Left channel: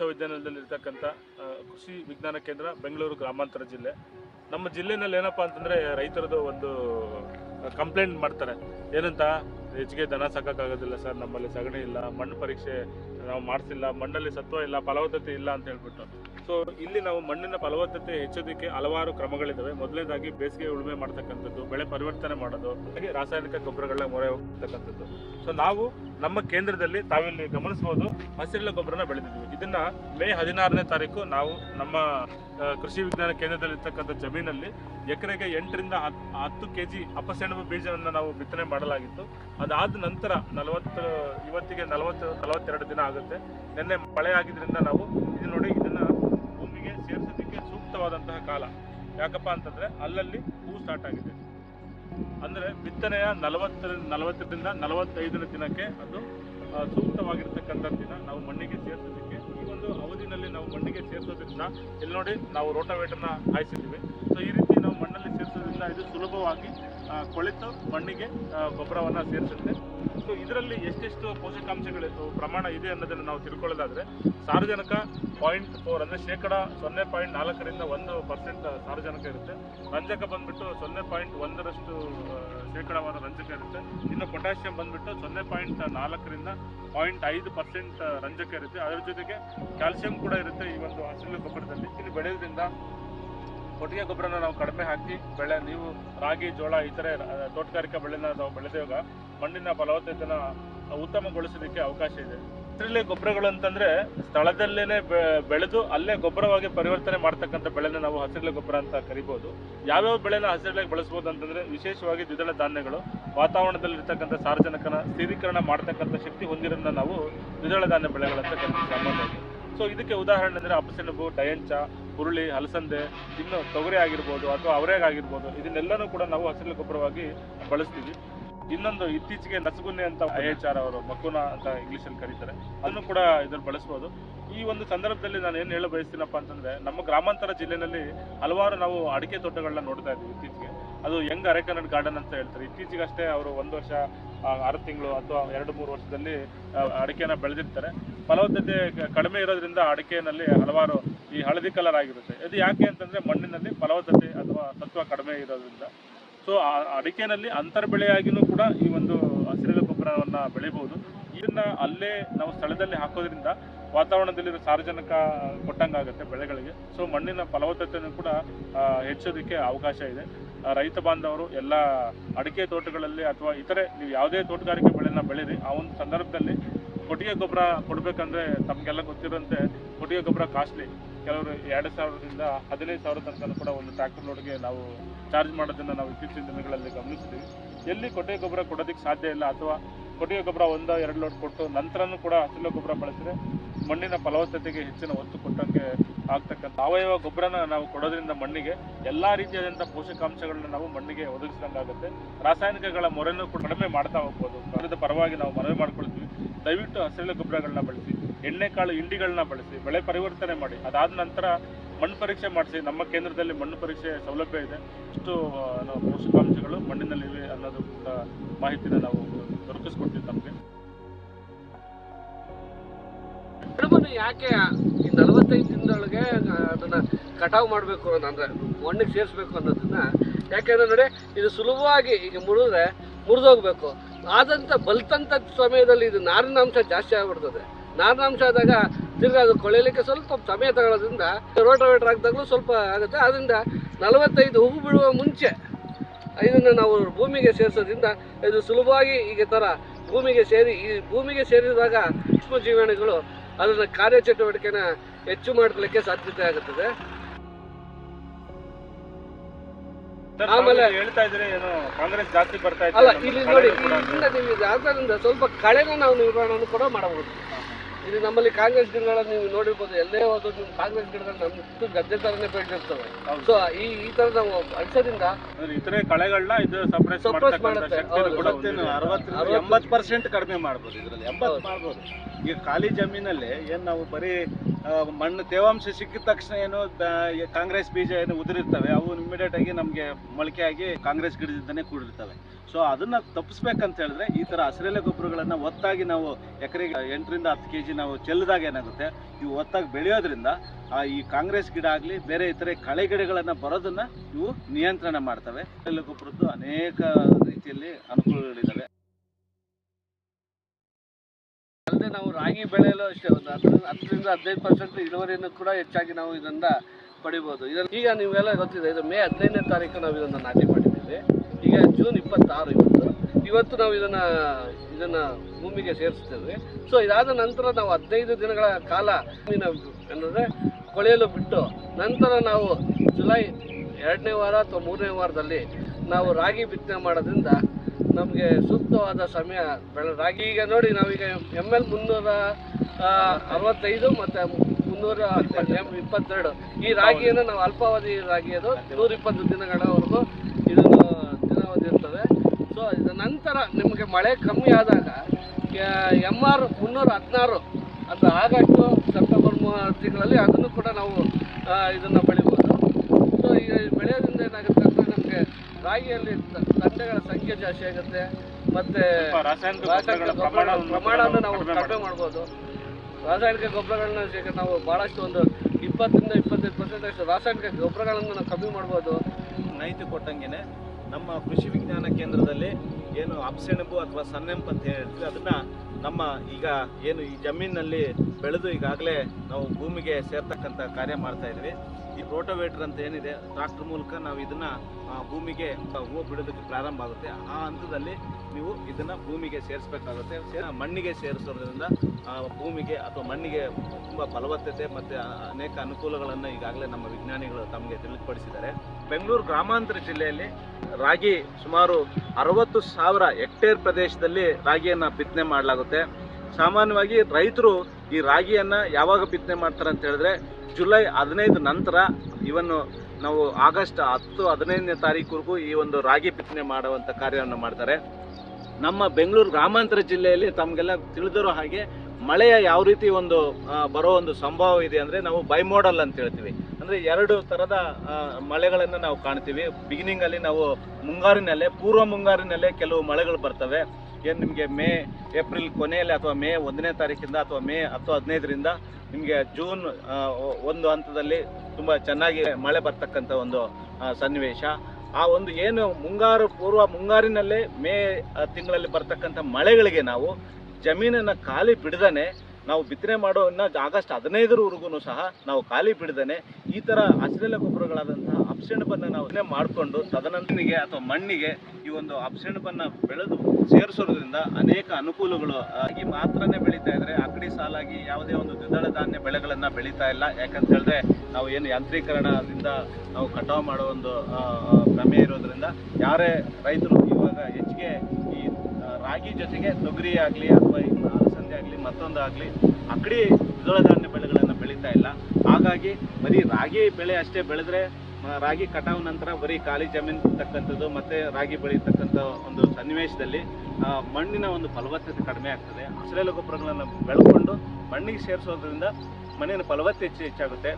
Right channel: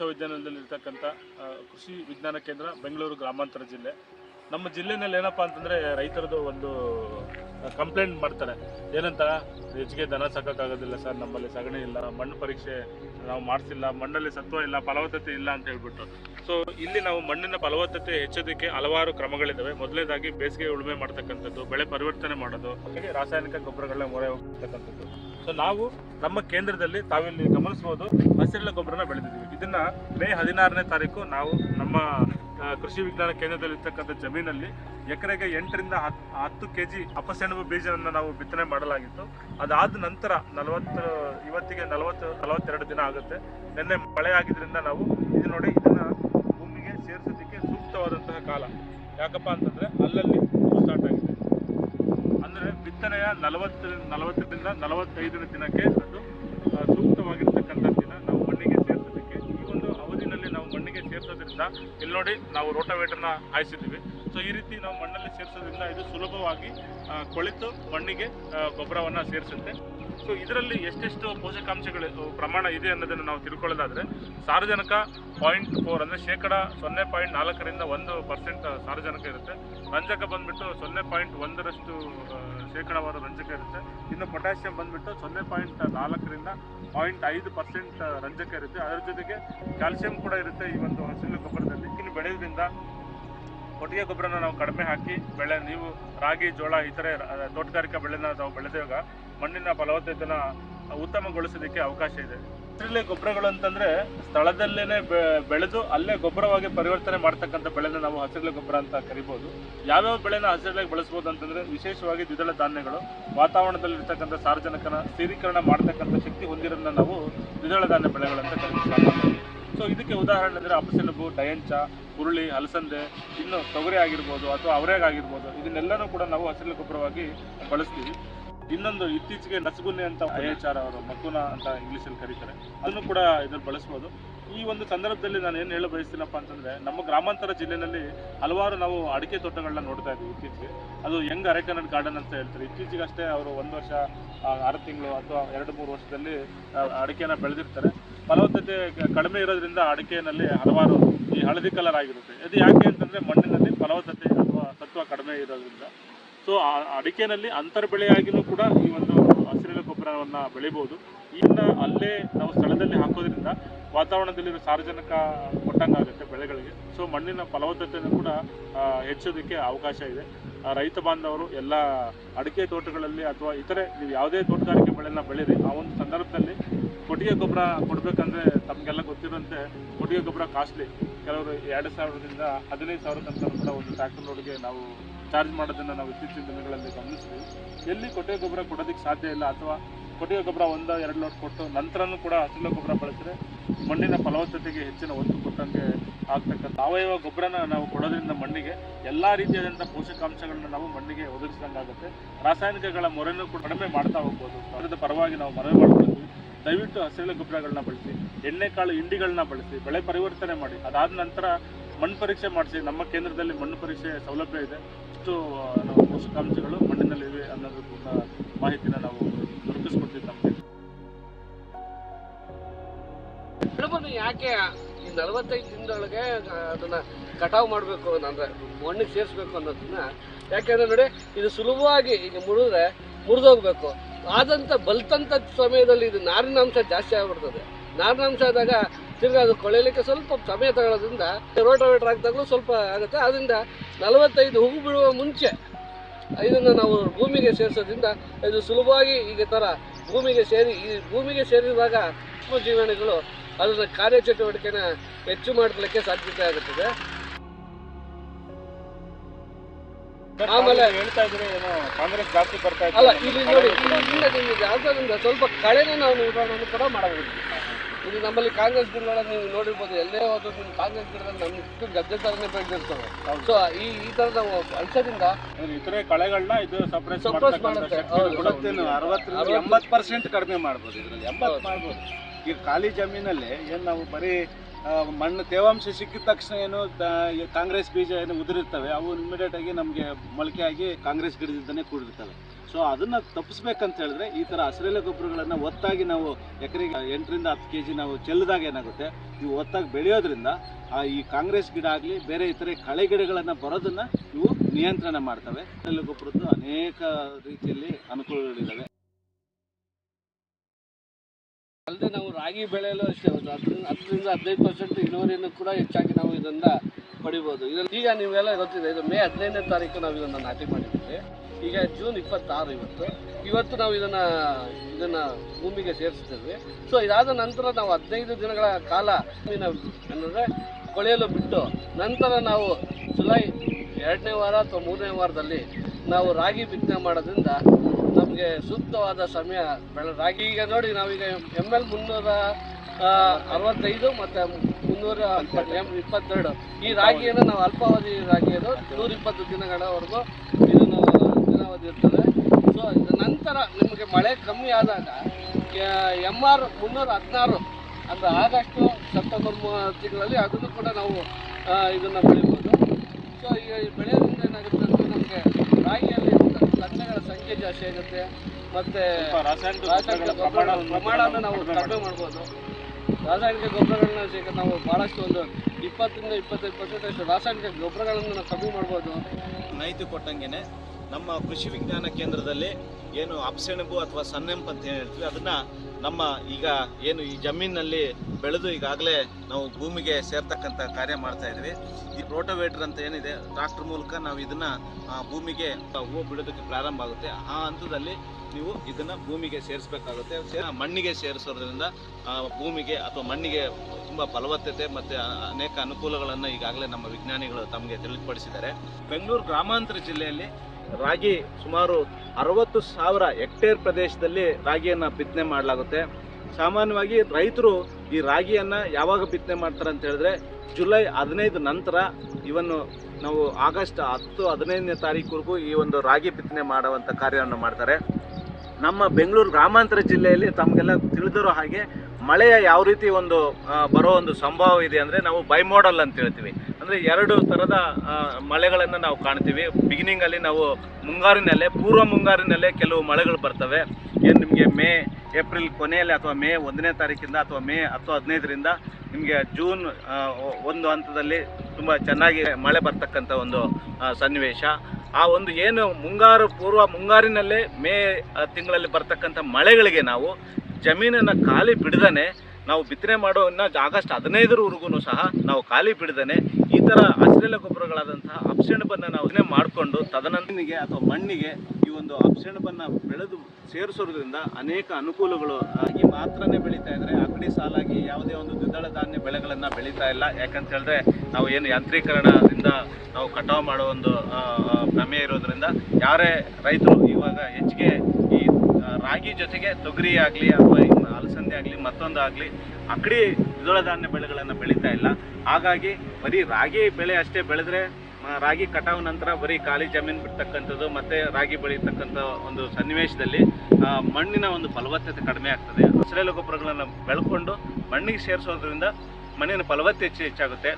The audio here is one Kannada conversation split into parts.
ವಿಶ್ವವಿದ್ಯಾನಿಲಯದಲ್ಲಿರ್ತಕ್ಕಂಥ ಕೃಷಿ ವಿಜ್ಞಾನ ಕೇಂದ್ರ ಬೆಂಗಳೂರು ಗ್ರಾಮಾಂತರ ಜಿಲ್ಲೆ. ನಮ್ಮ ಜಿಲ್ಲೆಯಲ್ಲಿ ಏನಪ್ಪ ಅಂತಂದರೆ ರೈತರದು ಒಂದು ಕಂಪ್ಲೇಂಟ್ ಮಾಡ್ತಾರೆ. ಏನಂತ, ಹೆಚ್ಚಿಗೆ ದನ ಸಾಕೋಕ್ಕಾಗೋದಿಲ್ಲ ಸರ್, ನಮ್ಮಲ್ಲಿ ಸಗಣಿ ಇಲ್ಲ, ಮಣ್ಣು ಪರೀಕ್ಷೆ ನಾವು ಮಾಡಿಸಿಲ್ಲ, ಮಣ್ಣಲ್ಲಿ ಸತ್ವ ಇಲ್ಲ, ಫಲವತ್ತತೆ ಇಲ್ಲ ಅಂತ ಹೇಳ್ಬಿಟ್ಟು. ಸೊ ಇಲ್ಲಿ ನಾವು ಮಣ್ಣಿನ ಫಲವತ್ತತೆ ಹೆಚ್ಚೋದಕ್ಕೆ ಹಲವಾರು ಕ್ರಮಗಳಿದ್ದಾವೆ. ಮೊದಲನೇದಾಗಿ ಬೇಸಿಗೆ ಉಳುಮೆ ಮಾಡ್ತಕ್ಕಂಥದ್ದು, ಬೆಳೆ ಪರಿವರ್ತನೆ ಮಾಡೋದು, ಹಾಗೆ ರಾಸಾಯನಿಕ ಗೊಬ್ಬರಗಳನ್ನ ಮೊರೆ ಹೋಗ್ತಕ್ಕಂಥದ್ದು. ಸೊ ನಾವು ನಮ್ಮ ಕೇಂದ್ರದಲ್ಲಿ ತಾವಿಲ್ಲಿ ಗಮನಿಸ್ಬೋದು, ಹಸಿರೆಲೆ ಗೊಬ್ಬರನ ಬೆಳೆದಿದ್ದೀವಿ. ಇದನ್ನ ಮೇ 16ನೇ ತಾರೀಕು ನಾವು ನಮ್ಮ ಕೃಷಿ ವಿಜ್ಞಾನ ಕೇಂದ್ರದಲ್ಲಿ ಇರ್ತಕ್ಕಂಥ ಜಮೀನಲ್ಲಿ ಎಕರೆಗೆ 8 ರಿಂದ 10 kg ಅಪಸೆಣಬು ಬೀಜವನ್ನು ನಾವು ಬಿತ್ತನೆ ಮಾಡಲಾಗಿತ್ತು. ಅದಾದ ನಂತರ ಇವತ್ತಿಗೆ 42 ದಿನ ಆಗುತ್ತೆ. ನಿನ್ನೆ ಮಳೆ ಆಗಿದ್ರಿಂದ ನಾವು ಇದು ನೋಡಿ, ಇದನ್ನ ಭೂಮಿಗೆ ಸೇರಿಸೋದಕ್ಕೆ ಸೂಕ್ತವಾದಂತಹ ಕಾಲ. ಯಾಕಪ್ಪ ಅಂತಂದ್ರೆ ಅಲ್ಲಲ್ಲಿ ಹೂ ಸ್ಟಾರ್ಟ್ ಆಗಿದೆ. ಅಂದರೆ ಬಿತ್ತನೆಯ 40ರಿಂದ 45ನೇ ದಿನಕ್ಕೆ ಅದು ಸೂಕ್ತವಾಗಿರ್ತಕ್ಕಂಥ ದಿನ ನಾವು ಮಣ್ಣಿಗೆ ಸೇರಿಸೋದಕ್ಕೆ. ಈ ಒಂದು ಅವಧಿನಲ್ಲಿ ನಾವು ಮಣ್ಣಿಗೆ ಸೇರಿಸೋದ್ರಿಂದ ಇಲ್ಲಿ ನೋಡಿ, ನಾವು ರೋಟಾವೇಟರ್ನ ಹಾಯಿಸಿದ್ದೀವಿ. ಸೊ ಈ ರೀತಿ ನಾವು ಮಣ್ಣಲ್ಲಿ ಸೇರಿಸೋದ್ರಿಂದ ಇದು ಸುಲಭವಾಗಿ ಕೊಳೆತು ಮಣ್ಣಿಗೆ ಗೊಬ್ಬರವನ್ನು ಸೇರಿಸುತ್ತೆ. ಸೊ ಇದರಲ್ಲಿ ಎಷ್ಟೆಷ್ಟು ಪೋಷಕಾಂಶಗಳ ಪ್ರಮಾಣ ಇದೆ ಅನ್ನೋದನ್ನು ನಾವು ತಿಳ್ಕೊಳ್ಳೋದಾದರೆ, ಸಾರಜನಕ 0.4 ಅಂದರೆ ಶೇಕಡ 0.4ರಿಂದ 1% ಸಾರಜನಕ ಇರುತ್ತೆ. ರಂಜಕ ಬಂದ್ಬಿಟ್ಟು 0.1ರಷ್ಟು ಶೇಕಡವಾದ ರಂಜಕ ಇರುತ್ತೆ. ಇನ್ನು ಪೊಟ್ಯಾಷಿಯಂ ಬಂದ್ಬಿಟ್ಟು 0.4ರಿಂದ 0.5% ರಂಜಕ ಇರುತ್ತೆ. ಅದರ ಜೊತೆಗೆ ಕ್ಯಾಲ್ಸಿಯಂ ಕೂಡ ಇರುತ್ತೆ ಈ ಒಂದು ಹಸಿರು ಗೊಬ್ಬರದಲ್ಲಿ. ಇನ್ನು ಬೆಳೆಯೋದ್ರಿಂದ ಕೊಟ್ಟಿಗೆ ಗೊಬ್ಬರನ ನಾವು ಕಡಿಮೆ ಹಾಕಿ ನೀವು ರಾಗಿ, ಜೋಳ, ಇತರೆ ತೋಟಗಾರಿಕಾ ಬೆಳೆನ ನಾವು ಬೆಳೆದಾಗ ಮಣ್ಣಿನ ಫಲವತ್ತತೆನ ಉತ್ತಮಗೊಳಿಸೋದಕ್ಕೆ ಅವಕಾಶ ಇದೆ. ಹಸಿರೆಲೆ ಗೊಬ್ಬರಗಳು ಅಂತಂದ್ರೆ ಸ್ಥಳದಲ್ಲೇನೆ ಬೆಳೆದು ಅಲ್ಲೇ ಗೊಬ್ಬರವಾಗಿ ಪರಿವರ್ತನೆ ಮಾಡ್ತಕ್ಕಂಥ ಬೆಳೆನ ನಾವು ಹಸಿರೆಲೆ ಗೊಬ್ಬರ ಅಂತ ಕರಿಬಹುದು. ಯಾವ್ಯಾವ ಬೆಳೆನ ಹಸಿರೆಲೆಗೆ ಬಳಸಬಹುದು ಅಂತಂದ್ರೆ, ವಿಶೇಷವಾಗಿ ದ್ವಿದಳ ಧಾನ್ಯಗಳು ವಾತಾವರಣದಲ್ಲಿರ್ತಕ್ಕಂಥ ಸಾರಜನಕನ ಸ್ಥಿರೀಕರಣ ಮಾಡ್ತಕ್ಕಂಥ ಶಕ್ತಿ ಹೊಂದಿರೋದನ್ನ ನಾವು ದ್ವಿದಳ ಧಾನ್ಯ ಬೆಳೆಗಳಂತ ಕರಿತೀವಿ. ಸೊ ಇದಕ್ಕೆ ಉದಾಹರಣೆ ಅಂದರೆ ಅಪಸೆಣಬು, ಡಯಂಚ, ಹುರುಳಿ, ಅಲಸಂದೆ, ಇನ್ನು ತೊಗರಿ ಆಗಿರ್ಬೋದು ಅಥವಾ ಅವರೆಗಾಗಿರ್ಬೋದು, ಇದನ್ನೆಲ್ಲನೂ ಕೂಡ ನಾವು ಹಸಿರೆಲೆ ಗೊಬ್ಬರವಾಗಿ ಬಳಸ್ತೀವಿ. ಇನ್ನೊಂದು ಇತ್ತೀಚೆಗೆ ನಸಗುನ್ನೆ ಅಂತ IHR ಅವರು ಮಕ್ಕುನ ಅಂತ ಇಂಗ್ಲೀಷಲ್ಲಿ ಕರೀತಾರೆ, ಅದನ್ನು ಕೂಡ ಇದನ್ನು ಬಳಸ್ಬೋದು. ಈ ಒಂದು ಸಂದರ್ಭದಲ್ಲಿ ನಾನು ಏನು ಹೇಳ ಬಯಸ್ತೀನಪ್ಪ ಅಂತಂದರೆ, ನಮ್ಮ ಗ್ರಾಮಾಂತರ ಜಿಲ್ಲೆಯಲ್ಲಿ ಹಲವಾರು ನಾವು ಅಡಿಕೆ ತೋಟಗಳನ್ನ ನೋಡ್ತಾ ಇದ್ದೀವಿ ಇತ್ತೀಚೆಗೆ. ಅದು ಯಂಗ್ ಅರೆಕನಡ್ ಗಾರ್ಡನ್ ಅಂತ ಹೇಳ್ತಾರೆ. ಇತ್ತೀಚೆಗಷ್ಟೇ ಅವರು 1 ವರ್ಷ 6 ತಿಂಗಳು ಅಥವಾ 2-3 ವರ್ಷದಲ್ಲಿ ಅಡಿಕೆನ ಬೆಳೆದಿರ್ತಾರೆ. ಫಲವತ್ತತೆ ಕಡಿಮೆ ಇರೋದ್ರಿಂದ ಅಡಿಕೆಯಲ್ಲಿ ಹಲವಾರು ಈ ಹಳದಿ ಕಲರ್ ಆಗಿರುತ್ತೆ. ಅದು ಯಾಕೆ ಅಂತಂದರೆ ಮಣ್ಣಿನಲ್ಲಿ ಫಲವತ್ತತೆ ಅಥವಾ ಸತ್ವ ಕಡಿಮೆ ಇರೋದ್ರಿಂದ. ಸೊ ಅಡಿಕೆನಲ್ಲಿ ಅಂತರ ಬೆಳೆಯಾಗಿಯೂ ಕೂಡ ಈ ಒಂದು ಹಸಿರೆಲೆ ಗೊಬ್ಬರವನ್ನು ಬೆಳಿಬೋದು. ಇದನ್ನ ಅಲ್ಲೇ ನಾವು ಸ್ಥಳದಲ್ಲಿ ಹಾಕೋದ್ರಿಂದ ವಾತಾವರಣದಲ್ಲಿರೋ ಸಾರಜನಕ ಕೊಟ್ಟಂಗಾಗುತ್ತೆ ಬೆಳೆಗಳಿಗೆ. ಸೊ ಮಣ್ಣಿನ ಫಲವತ್ತತೆಯನ್ನು ಕೂಡ ಹೆಚ್ಚೋದಕ್ಕೆ ಅವಕಾಶ ಇದೆ. ರೈತ ಬಾಂಧವರು ಎಲ್ಲ ಅಡಿಕೆ ತೋಟಗಳಲ್ಲಿ ಅಥವಾ ಇತರೆ ನೀವು ಯಾವುದೇ ತೋಟಗಾರಿಕೆ ಬೆಳೆನ ಬೆಳೀರಿ, ಆ ಒಂದು ಸಂದರ್ಭದಲ್ಲಿ ಕೊಟ್ಟಿಗೆ ಗೊಬ್ಬರ ಕೊಡಬೇಕಂದ್ರೆ ತಮಗೆಲ್ಲ ಗೊತ್ತಿರೋಂತೆ ಕೊಟ್ಟಿಗೆ ಗೊಬ್ಬರ ಕಾಸ್ಟ್ಲಿ. ಕೆಲವರು 2,000ರಿಂದ 15,000 ತನಕ ಕೂಡ ಒಂದು ಟ್ರ್ಯಾಕ್ಟರ್ ಲೋಡ್ಗೆ ನಾವು ಚಾರ್ಜ್ ಮಾಡೋದನ್ನು ನಾವು ಇತ್ತೀಚಿನ ದಿನಗಳಲ್ಲಿ ಗಮನಿಸ್ತೀವಿ. ಎಲ್ಲಿ ಕೊಟ್ಟಿಗೆ ಗೊಬ್ಬರ ಕೊಡೋದಕ್ಕೆ ಸಾಧ್ಯ ಇಲ್ಲ, ಅಥವಾ ಕೊಟ್ಟಿಗೆ ಗೊಬ್ಬರ 1-2 ಲೋಡ್ ಕೊಟ್ಟು ನಂತರನೂ ಕೂಡ ಹಸಿರೆಲೆ ಗೊಬ್ಬರ ಬಳಸಿದ್ರೆ ಮಣ್ಣಿನ ಫಲವತ್ತತೆಗೆ ಹೆಚ್ಚಿನ ಒತ್ತು ಕೊಟ್ಟಂಗೆ ಆಗ್ತಕ್ಕಂಥ ಸಾವಯವ ಗೊಬ್ಬರನ ನಾವು ಕೊಡೋದ್ರಿಂದ ಮಣ್ಣಿಗೆ ಎಲ್ಲ ರೀತಿಯಾದಂಥ ಪೋಷಕಾಂಶಗಳನ್ನ ನಾವು ಮಣ್ಣಿಗೆ ಒದಗಿಸಿದಂಗಾಗುತ್ತೆ. ರಾಸಾಯನಿಕಗಳ ಮೊರೆನೂ ಕೂಡ ಕಡಿಮೆ ಮಾಡ್ತಾ ಹೋಗ್ಬೋದು. ಅದರ ಪರವಾಗಿ ನಾವು ಮನವಿ ಮಾಡ್ಕೊಳ್ತೀವಿ, ದಯವಿಟ್ಟು ಹಸಿರೆಲೆ ಗೊಬ್ಬರಗಳನ್ನ ಬಳಸಿ, ಎಣ್ಣೆಕಾಳು ಹಿಂಡಿಗಳನ್ನ ಬಳಸಿ, ಬೆಳೆ ಪರಿವರ್ತನೆ ಮಾಡಿ. ಅದಾದ ನಂತರ ಮಣ್ಣು ಪರೀಕ್ಷೆ ಮಾಡಿಸಿ. ನಮ್ಮ ಕೇಂದ್ರದಲ್ಲಿ ಮಣ್ಣು ಪರೀಕ್ಷೆ ಸೌಲಭ್ಯ ಇದೆ. ಇಷ್ಟು ನಾವು ಪೋಷಕಾಂಶಗಳು ಮಣ್ಣಿನಲ್ಲಿವೆ ಅನ್ನೋದು ಕೂಡ ಮಾಹಿತಿನ ನಾವು ದೊರಕಿಸ್ಕೊಡ್ತೀವಿ ತಮಗೆ. ಕಡುಬನ್ನು ಯಾಕೆ ಈ 45 ದಿನದೊಳಗೆ ಅದನ್ನ ಕಟಾವು ಮಾಡಬೇಕು ಅಂದರೆ ಮಣ್ಣಿಗೆ ಸೇರಿಸ್ಬೇಕು ಅನ್ನೋದನ್ನ ಯಾಕೆಂದ್ರೆ ನೋಡಿ, ಇದು ಸುಲಭವಾಗಿ ಈಗ ಮುರಿದೋಗ್ಬೇಕು. ಆದಂಥ ಬಲ್ತಂಥ ಸಮಯದಲ್ಲಿ ಇದು ನಾರಿನಾಂಶ ಜಾಸ್ತಿ ಆಗಿಬಿಡ್ತದೆ. ನಾರಿನಾಂಶ ಆದಾಗ ತಿರ್ಗಿ ಅದು ಕೊಳೆಯಲಿಕ್ಕೆ ಸ್ವಲ್ಪ ಸಮಯ ತಗೊಳ್ಳೋದ್ರಿಂದ ರೋಟಾವೇಟರ್ ಹಾಕಿದಾಗಲೂ ಸ್ವಲ್ಪ ಆಗುತ್ತೆ. ಆದ್ದರಿಂದ 45 ಹೂವು ಬಿಡುವ ಮುಂಚೆ ಇದನ್ನು ನಾವು ಭೂಮಿಗೆ ಸೇರಿಸೋದ್ರಿಂದ ಇದು ಸುಲಭವಾಗಿ ಈಗ ಥರ ಭೂಮಿಗೆ ಸೇರಿದಾಗ ಸೂಕ್ಷ್ಮ ಜೀವಾಣುಗಳು ಅದನ್ನ ಕಾರ್ಯಚಟುವಟಿಕೆನ ಹೆಚ್ಚು ಮಾಡಲಿಕ್ಕೆ ಸಾಧ್ಯತೆ ಆಗುತ್ತದೆ. ಆಮೇಲೆ ಹೇಳ್ತಾ ಇದ್ರೆ ಏನೋ ಕಾಂಗ್ರೆಸ್ ಜಾಸ್ತಿ ಬರ್ತಾ ಇದೆ. ಅಲ್ಲ, ಇಲ್ಲಿ ನೋಡಿ, ನಿಮಗೆ ಆದ್ದರಿಂದ ಸ್ವಲ್ಪ ಕಳೆನ ನಾವು ನಿರ್ವಹಣೆ ಕೂಡ ಮಾಡಬಹುದು. ಇದು ನಮ್ಮಲ್ಲಿ ಕಾಂಗ್ರೆಸ್ ಗಿಡಗಳನ್ನು ನೀವು ನೋಡಿರ್ಬೋದು, ಎಲ್ಲೇ ಹೋದ್ರು ನಿಮ್ಮ ಕಾಂಗ್ರೆಸ್ ಗಿಡಗಳು ನಮ್ಮ ಗದ್ದೆ ತರನೇ ಬೆಳೆದಿರ್ತವೆ. ಸೊ ಈ ತರ ನಾವು ಅಳಿಸೋದ್ರಿಂದ ಇತರೆ ಕಳೆಗಳನ್ನ ಇದು ಸಪ್ರೆಸ್ ಮಾಡುತ್ತೆ. 80% ಕಡಿಮೆ ಮಾಡ್ಬೋದು. ಇದರಲ್ಲಿ 80 ಮಾಡ್ಬೋದು. ಈಗ ಖಾಲಿ ಜಮೀನಲ್ಲಿ ಏನು ನಾವು ಬರೀ ಮಣ್ಣು ತೇವಾಂಶ ಸಿಕ್ಕಿದ ತಕ್ಷಣ ಏನು ಕಾಂಗ್ರೆಸ್ ಬೀಜ ಏನು ಉದುರಿರ್ತವೆ, ಅವು ಇಮಿಡಿಯೇಟ್ ಆಗಿ ನಮಗೆ ಮೊಳಕೆ ಆಗಿ ಕಾಂಗ್ರೆಸ್ ಗಿಡದಿಂದನೇ ಕೂಡಿರ್ತವೆ. ಸೊ ಅದನ್ನು ತಪ್ಪಿಸ್ಬೇಕಂತ ಹೇಳಿದ್ರೆ ಈ ಥರ ಹಸಿರೆಲೆ ಗೊಬ್ಬರಗಳನ್ನು ಒತ್ತಾಗಿ ನಾವು ಎಕರೆಗೆ 8 ರಿಂದ 10 kg ನಾವು ಚೆಲ್ಲಿದಾಗ ಏನಾಗುತ್ತೆ, ಇವು ಒತ್ತಾಗಿ ಬೆಳೆಯೋದ್ರಿಂದ ಈ ಕಾಂಗ್ರೆಸ್ ಗಿಡ ಆಗಲಿ ಬೇರೆ ಇತರೆ ಕಳೆ ಗಿಡಗಳನ್ನು ಬರೋದನ್ನು ಇವು ನಿಯಂತ್ರಣ ಮಾಡ್ತವೆ. ಹಸಿರೆಲೆ ಗೊಬ್ಬರದ್ದು ಅನೇಕ ರೀತಿಯಲ್ಲಿ ಅನುಕೂಲಗಳಿದ್ದಾವೆ. ಅಲ್ಲದೆ ನಾವು ರಾಗಿ ಬೆಳೆಯಲು ಅಷ್ಟೇ ಒಂದು 10ರಿಂದ 15% ಇಳುವರಿಯನ್ನು ಕೂಡ ಹೆಚ್ಚಾಗಿ ನಾವು ಇದರಿಂದ ಪಡಿಬೋದು. ಇದನ್ನು ಈಗ ನೀವೆಲ್ಲ ಗೊತ್ತಿದೆ, ಇದು ಮೇ 15ನೇ ತಾರೀಕು ನಾವು ಇದನ್ನು ನಾಟಿ ಮಾಡಿದ್ದೀವಿ. ಈಗ ಜೂನ್ 26 ಇವತ್ತು ನಾವು ಇದನ್ನು ಭೂಮಿಗೆ ಸೇರಿಸ್ತೇವೆ. ಸೊ ಇದಾದ ನಂತರ ನಾವು 15 ದಿನಗಳ ಕಾಲ ಏನಂದರೆ ಕೊಳೆಯಲು ಬಿಟ್ಟು ನಂತರ ನಾವು ಜುಲೈ 2ನೇ ವಾರ ಅಥವಾ 3ನೇ ವಾರದಲ್ಲಿ ನಾವು ರಾಗಿ ಬಿತ್ತನೆ ಮಾಡೋದ್ರಿಂದ ನಮಗೆ ಸೂಕ್ತವಾದ ಸಮಯ ರಾಗಿ. ಈಗ ನೋಡಿ ನಾವೀಗ ML 365 ಮತ್ತು 322 ಈ ರಾಗಿಯನ್ನು ನಾವು ಅಲ್ಪಾವಧಿ ರಾಗಿ ಅದು 120 ದಿನಗಳವರೆಗೂ ಇದನ್ನು ದಿನಾವಧಿ ಇರ್ತದೆ. ಸೊ ಇದರ ನಂತರ ನಿಮಗೆ ಮಳೆ ಕಮ್ಮಿ ಆದಾಗ MR 316 ಅದು ಆಗಸ್ಟು ಸೆಪ್ಟೆಂಬರ್ ತಿಂಗಳಲ್ಲಿ ಅದನ್ನು ಕೂಡ ನಾವು ಇದನ್ನು ಬೆಳಿಬೋದು. ಸೊ ಈಗ ಬೆಳೆಯೋದ್ರಿಂದ ಏನಾಗುತ್ತೆ ಅಂದರೆ ನಮಗೆ ರಾಗಿಯಲ್ಲಿ ದಂಡೆಗಳ ಸಂಖ್ಯೆ ಜಾಸ್ತಿ ಆಗುತ್ತೆ ಮತ್ತು ರಾಸಾಯನಿಕ ಗೊಬ್ಬರಗಳ ಪ್ರಮಾಣವನ್ನು ನಾವು ಕಡಿಮೆ ಮಾಡ್ಬೋದು. ರಾಸಾಯನಿಕ ಗೊಬ್ಬರಗಳನ್ನ ನಾವು ಭಾಳಷ್ಟು ಒಂದು 20 ರಿಂದ 25% ರಾಸಾಯನಿಕ ಗೊಬ್ಬರಗಳನ್ನು ನಾವು ಕಮ್ಮಿ ಮಾಡ್ಬೋದು. ಮಾಹಿತಿ ಕೊಟ್ಟಂಗೆ ನಮ್ಮ ಕೃಷಿ ವಿಜ್ಞಾನ ಕೇಂದ್ರದಲ್ಲಿ ಏನು ಅಪ್ಸೆಣಬು ಅಥವಾ ಸನ್ನೆಂಪು ಅಂತ ಹೇಳ್ತೀವಿ, ಅದನ್ನು ನಮ್ಮ ಈಗ ಏನು ಈ ಜಮೀನಿನಲ್ಲಿ ಬೆಳೆದು ಈಗಾಗಲೇ ನಾವು ಭೂಮಿಗೆ ಸೇರ್ತಕ್ಕಂಥ ಕಾರ್ಯ ಮಾಡ್ತಾ ಇದ್ವಿ. ಈ ರೋಟೋವೇಟರ್ ಅಂತ ಏನಿದೆ, ಟ್ರಾಕ್ಟರ್ ಮೂಲಕ ನಾವು ಇದನ್ನು ಭೂಮಿಗೆ ಹೂವು ಬಿಡೋದಕ್ಕೆ ಪ್ರಾರಂಭ ಆಗುತ್ತೆ. ಆ ಹಂತದಲ್ಲಿ ನೀವು ಇದನ್ನು ಭೂಮಿಗೆ ಸೇರಿಸಬೇಕಾಗುತ್ತೆ. ಮಣ್ಣಿಗೆ ಸೇರಿಸೋದ್ರಿಂದ ಭೂಮಿಗೆ ಅಥವಾ ಮಣ್ಣಿಗೆ ತುಂಬ ಫಲವತ್ತತೆ ಮತ್ತು ಅನೇಕ ಅನುಕೂಲಗಳನ್ನು ಈಗಾಗಲೇ ನಮ್ಮ ವಿಜ್ಞಾನಿಗಳು ತಮಗೆ ತಿಳಿಪಡಿಸಿದ್ದಾರೆ. ಬೆಂಗಳೂರು ಗ್ರಾಮಾಂತರ ಜಿಲ್ಲೆಯಲ್ಲಿ ರಾಗಿ ಸುಮಾರು 60,000 ಹೆಕ್ಟೇರ್ ಪ್ರದೇಶದಲ್ಲಿ ರಾಗಿಯನ್ನು ಬಿತ್ತನೆ ಮಾಡಲಾಗುತ್ತೆ. ಸಾಮಾನ್ಯವಾಗಿ ರೈತರು ಈ ರಾಗಿಯನ್ನು ಯಾವಾಗ ಬಿತ್ತನೆ ಮಾಡ್ತಾರೆ ಅಂತ ಹೇಳಿದ್ರೆ ಜುಲೈ 15 ನಂತರ, ಇವನ್ನು ನಾವು ಆಗಸ್ಟ್ 10-15ನೇ ತಾರೀಕುವರೆಗೂ ಈ ಒಂದು ರಾಗಿ ಬಿತ್ತನೆ ಮಾಡುವಂಥ ಕಾರ್ಯವನ್ನು ಮಾಡ್ತಾರೆ. ನಮ್ಮ ಬೆಂಗಳೂರು ಗ್ರಾಮಾಂತರ ಜಿಲ್ಲೆಯಲ್ಲಿ ತಮಗೆಲ್ಲ ತಿಳಿದಿರೋ ಹಾಗೆ ಮಳೆಯ ಯಾವ ರೀತಿ ಒಂದು ಬರೋ ಒಂದು ಸಂಭವ ಇದೆ ಅಂದರೆ ನಾವು ಬೈಮೋಡಲ್ ಅಂತ ಹೇಳ್ತೀವಿ. ಅಂದರೆ 2 ಥರದ ಮಳೆಗಳನ್ನು ನಾವು ಕಾಣ್ತೀವಿ. ಬಿಗಿನಿಂಗಲ್ಲಿ ನಾವು ಮುಂಗಾರಿನಲ್ಲೇ, ಪೂರ್ವ ಮುಂಗಾರಿನಲ್ಲೇ ಕೆಲವು ಮಳೆಗಳು ಬರ್ತವೆ. ಏನು ನಿಮಗೆ ಏಪ್ರಿಲ್ ಕೊನೆಯಲ್ಲಿ ಅಥವಾ ಮೇ 1ನೇ ತಾರೀಕಿಂದ ಅಥವಾ ಮೇ 10-15ರಿಂದ ನಿಮಗೆ ಜೂನ್ 1 ಹಂತದಲ್ಲಿ ತುಂಬ ಚೆನ್ನಾಗಿ ಮಳೆ ಬರ್ತಕ್ಕಂಥ ಒಂದು ಸನ್ನಿವೇಶ. ಆ ಒಂದು ಏನು ಪೂರ್ವ ಮುಂಗಾರಿನಲ್ಲೇ ಮೇ ತಿಂಗಳಲ್ಲಿ ಬರ್ತಕ್ಕಂಥ ಮಳೆಗಳಿಗೆ ನಾವು ಜಮೀನನ್ನು ಖಾಲಿ ಬಿಡದೇ ನಾವು ಬಿತ್ತನೆ ಮಾಡೋ ಆಗಸ್ಟ್ 15ರವರೆಗೂ ಸಹ ನಾವು ಖಾಲಿ ಬಿಡದೇ ಈ ಥರ ಹಸಿರೆಲೆ ಗೊಬ್ಬರಗಳಾದಂತಹ ಅಪ್ಸೆಣಬನ್ನು ನಾವು ಇದನ್ನೇ ಮಾಡಿಕೊಂಡು ತದನಂತರನಿಗೆ ಅಥವಾ ಮಣ್ಣಿಗೆ ಈ ಒಂದು ಅಪ್ಸೆಣಬನ್ನು ಬೆಳೆದು ಸೇರಿಸೋದ್ರಿಂದ ಅನೇಕ ಅನುಕೂಲಗಳು ಆಗಿ ಮಾತ್ರನೇ ಬೆಳೀತಾ ಇದ್ದಾರೆ. ಅಕಡಿ ಸಾಲಾಗಿ ಯಾವುದೇ ಒಂದು ದ್ವಿದಳ ಧಾನ್ಯ ಬೆಳೆಗಳನ್ನು ಬೆಳೀತಾ ಇಲ್ಲ. ಯಾಕಂತ ಹೇಳಿದ್ರೆ ನಾವು ಏನು ಯಾಂತ್ರೀಕರಣದಿಂದ ನಾವು ಕಟಾವು ಮಾಡೋ ಒಂದು ಪ್ರಮೇಯ ಇರೋದ್ರಿಂದ ಯಾರೇ ರೈತರು ಇವಾಗ ಹೆಚ್ಚಿಗೆ ಈ ರಾಗಿ ಜೊತೆಗೆ ತೊಗರಿ ಆಗಲಿ ಅಥವಾ ಅಲಸಂದೆ ಆಗಲಿ ಮತ್ತೊಂದಾಗಲಿ ಅಕಡಿ ದ್ವಿದಳ ಧಾನ್ಯ ಬೆಳೆಗಳನ್ನು ಬೆಳೀತಾ ಇಲ್ಲ. ಹಾಗಾಗಿ ಬರೀ ರಾಗಿ ಬೆಳೆ ಅಷ್ಟೇ ಬೆಳೆದ್ರೆ ರಾಗಿ ಕಟಾವು ನಂತರ ಬರೀ ಖಾಲಿ ಜಮೀನು ಬಿಡ್ತಕ್ಕಂಥದ್ದು ಮತ್ತು ರಾಗಿ ಬೆಳೀತಕ್ಕಂಥ ಒಂದು ಸನ್ನಿವೇಶದಲ್ಲಿ ಮಣ್ಣಿನ ಒಂದು ಫಲವತ್ತತೆ ಕಡಿಮೆ ಆಗ್ತದೆ. ಹಸಿರೆಲೆ ಗೊಬ್ಬರಗಳನ್ನು ಬೆಳ್ಕೊಂಡು ಮಣ್ಣಿಗೆ ಸೇರಿಸೋದ್ರಿಂದ ಮಣ್ಣಿನ ಫಲವತ್ತತೆ ಹೆಚ್ಚಾಗುತ್ತೆ.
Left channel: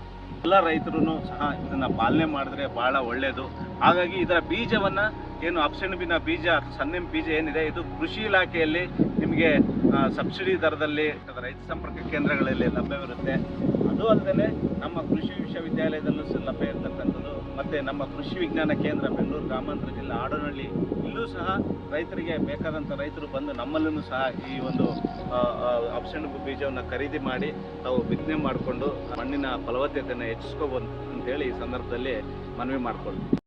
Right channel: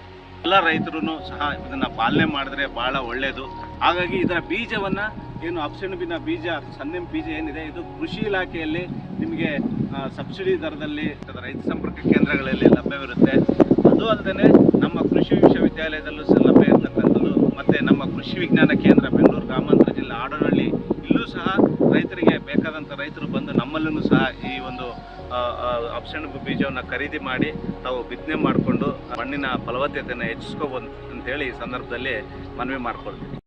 ಎಲ್ಲ ರೈತರು ಸಹ ಇದನ್ನು ಪಾಲನೆ ಮಾಡಿದ್ರೆ ಭಾಳ ಒಳ್ಳೆಯದು. ಹಾಗಾಗಿ ಇದರ ಬೀಜವನ್ನು ಏನು ಅಪ್ಸೆಣಬಿನ ಬೀಜ ಅಥವಾ ಸನ್ನೆಂಪು ಬೀಜ ಏನಿದೆ, ಇದು ಕೃಷಿ ಇಲಾಖೆಯಲ್ಲಿ ನಿಮಗೆ ಸಬ್ಸಿಡಿ ದರದಲ್ಲಿ ರೈತ ಸಂಪರ್ಕ ಕೇಂದ್ರಗಳಲ್ಲಿ ಲಭ್ಯವಿರುತ್ತೆ. ಅದು ಅಲ್ಲದೆ ನಮ್ಮ ಕೃಷಿ ವಿಶ್ವವಿದ್ಯಾಲಯದಲ್ಲೂ ಸಹ ಲಭ್ಯ ಇರತಕ್ಕಂಥದ್ದು. ಮತ್ತು ನಮ್ಮ ಕೃಷಿ ವಿಜ್ಞಾನ ಕೇಂದ್ರ ಬೆಂಗಳೂರು ಗ್ರಾಮಾಂತರ ಜಿಲ್ಲೆ ಆಡನಹಳ್ಳಿ ಇಲ್ಲೂ ಸಹ ರೈತರಿಗೆ ಬೇಕಾದಂಥ ರೈತರು ಬಂದು ನಮ್ಮಲ್ಲೂ ಸಹ ಈ ಒಂದು ಅಪ್ಸೆಣಬು ಬೀಜವನ್ನು ಖರೀದಿ ಮಾಡಿ ತಾವು ಬಿತ್ತನೆ ಮಾಡಿಕೊಂಡು ಮಣ್ಣಿನ ಫಲವತ್ತತೆಯನ್ನು ಹೆಚ್ಚಿಸ್ಕೋಬೋದು ಅಂತೇಳಿ ಈ ಸಂದರ್ಭದಲ್ಲಿ ಮನವಿ ಮಾಡ್ಕೊಳ್ತೀವಿ.